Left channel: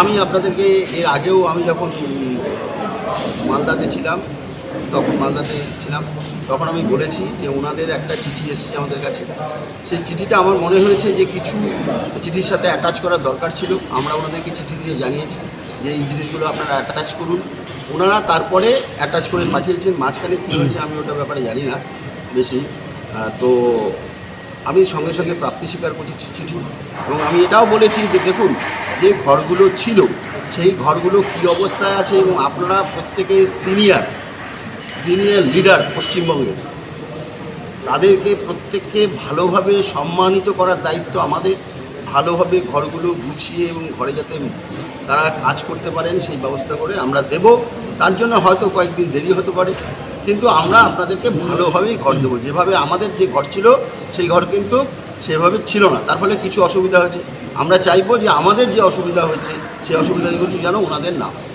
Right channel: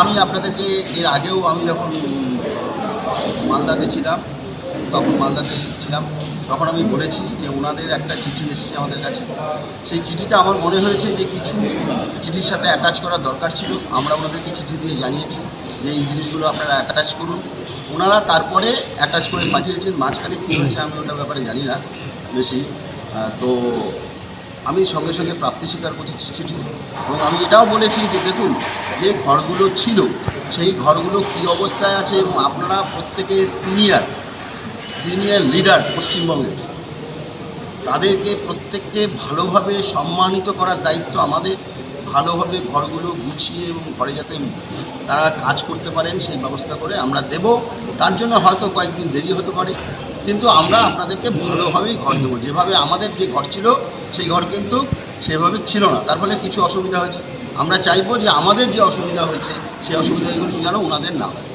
আমি আপনাদেরকে এর আগেও আমি যখন মালদাতে ছিলাম তখন আমি বলেছি যে ওনাদের একটা চিঠি এসেছে আমাদের কাছে। সেই চিঠিটা আমার মনে হয়েছে যে কিছু চিঠির সাথে অ্যাটাচ করার দরকার ছিল। আমরা ওনাদেরকে চিঠি দিয়ে জানিয়েছি যে এই জিনিসগুলো আপনারা অ্যাটাচ করুন। ওনারা তারপরে অ্যাটাচ করে পাঠিয়েছেন। মাঝখানে কী হয়েছে আমি ওটার ব্যাপারে জানি না বেশি। তো আমি সঙ্গে সঙ্গে প্রাপ্তি স্বীকার করছি চিঠি, এবং আমি এটাও বলেছি যে দেখুন যে ঘরগুলো ছিল সেই ঘরগুলো কী অবস্থায় আছে, এবং আপনারা প্রত্যেকে সিনিয়র লিডার পশ্চিমবঙ্গের, তাদেরকে প্রত্যেককে ভালোভাবে সম্মানিত করার দায়িত্ব আমাদের। ভালোভাবে ঘরগুলো গুছিয়ে এবং ঘরে যাতে তারা কাজ করতে পারেন সেই ব্যবস্থা করে আমরা দেব। তার জন্য হয়তো কয়েকদিন দেরি হতে পারে, কিন্তু আমরা আপনাদেরকে ভালোভাবেই ঘর দেবো। যেভাবে আমাদের যে ঘর ছিল সেই ঘর কিন্তু সেভাবে ছিল না, তার ফলে কিছু অসুবিধা হয়েছে। আমরা চাইবো যে আমাদের যে অসুবিধা হয়েছে সেই অসুবিধাগুলো যেন ওনাদের না হয়।